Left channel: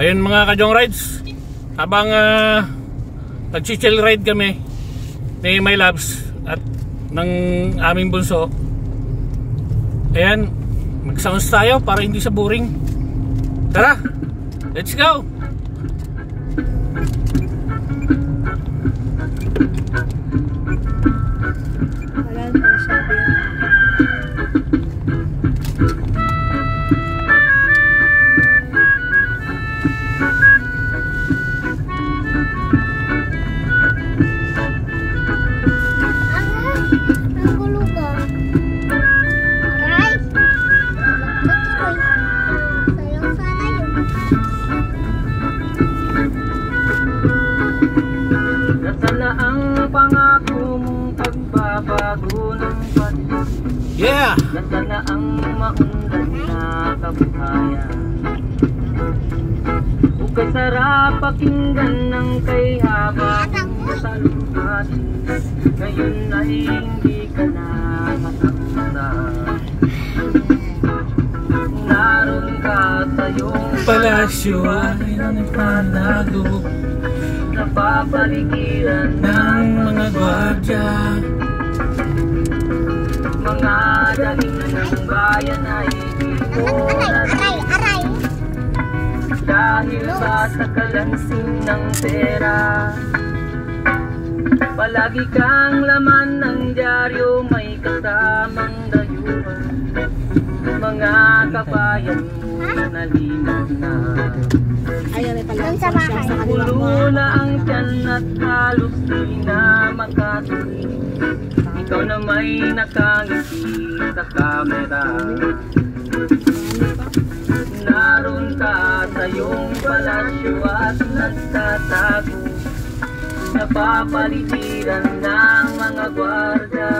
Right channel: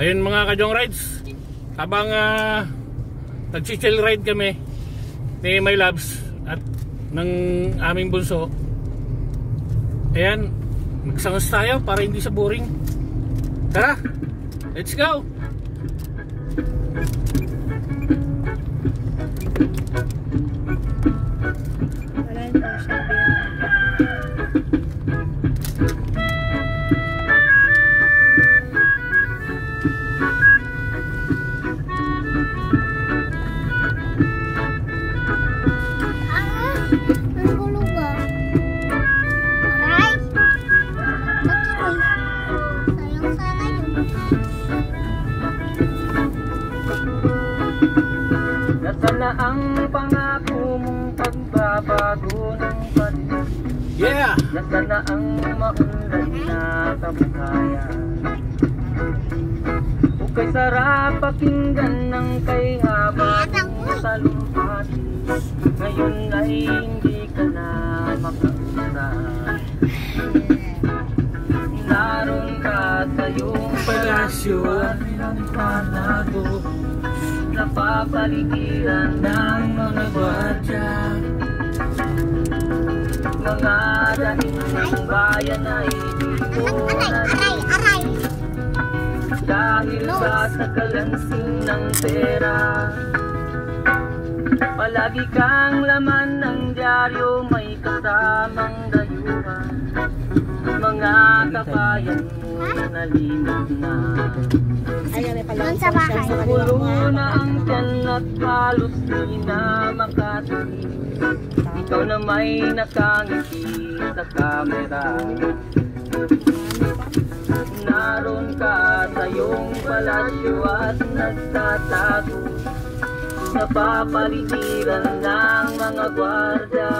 Ayun mga Kajong Rides, habang nag-chill ride kami ni My Loves at ng aming bunso, ayan, mag-sounds tayo para hindi sa boring. Tara, let's go! Wala pa siya din. Nasaan na ang pangako mong pagbabago ng bansa? Yeah! Nasaan na ang maunlad na kabuhayan? Ukay sarap pakinggan ng kay habang salumpati. Ngayon ay hindi ka na makakita. Naroon ka sa iyong Palasyo ay nagpanago, napapaligiran ng mga gwardiya. Mga dating ng bayan ay dito Aray! dahil ba sa kalansing ng pera. Palagi kang laman ng dyaryo, may kasamang dayuhan. Mga kabayan mo nalimot na. Ayan, may pala siya sa kaliwa mo. Pulo na ang tiyan at halos di na makatuloy. Ikaw na may nakangiti sa kamera. Naroon ka sa iyong palasyo at nagtatago, napapaligiran ng mga gwardiya.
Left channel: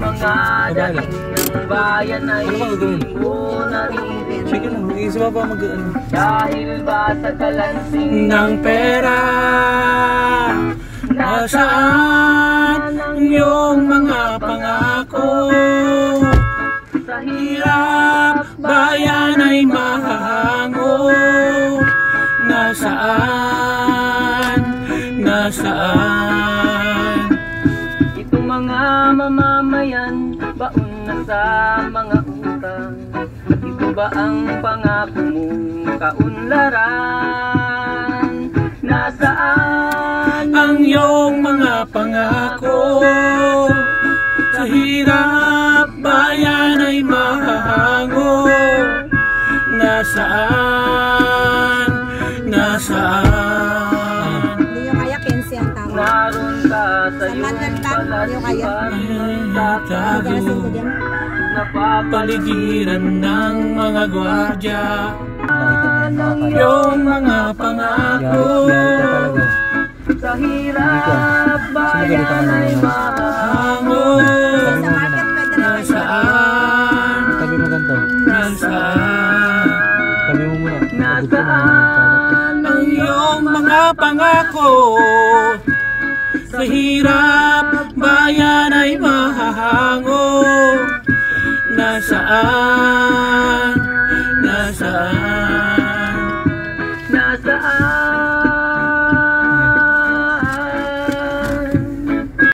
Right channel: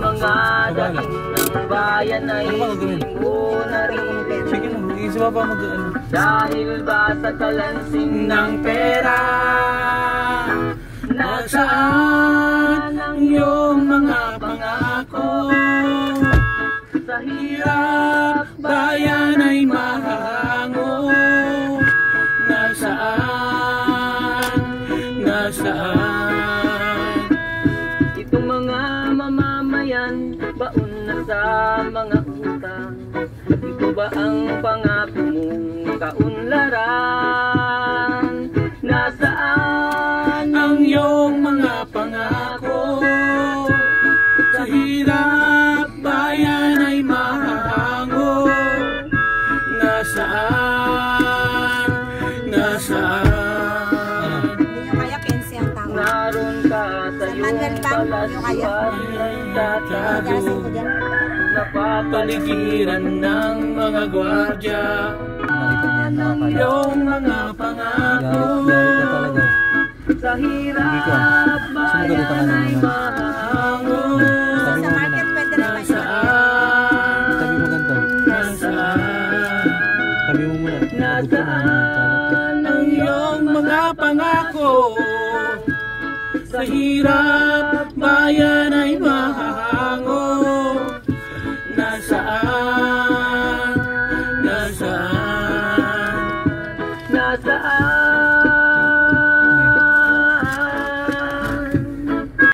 Mga dating ng bayan ay hindi mo naririnig. Sige lang, isa pa mag-ano. Dahil ba sa kalansing Ng pera, nasaan ang iyong mga pangako? sa hirap Hirap, bayan ay mahahango. Nasaan, nasaan? itong mga mamamayan, baon na sa mga utang. Ito ba ang pangako mong kaunlaran? Nasaan Ang iyong mga pangako, sa hirap, bayan ay mahahango. Nasaan, nasaan? Hindi nyo kaya 15 ang tao. naroon ka sa iyong palasyo at nagtatago, Pagkarasin ko dyan. Paligiran ng mga gwardiya, yung mga pangako. sa hirap, bayan ay mahahango. Sa market pwede na kayo. Nasaan, Tabi mo ganito. nasaan? Tabi mo muna. Nasaan Ang iyong mga pangako, sa hirap, bayan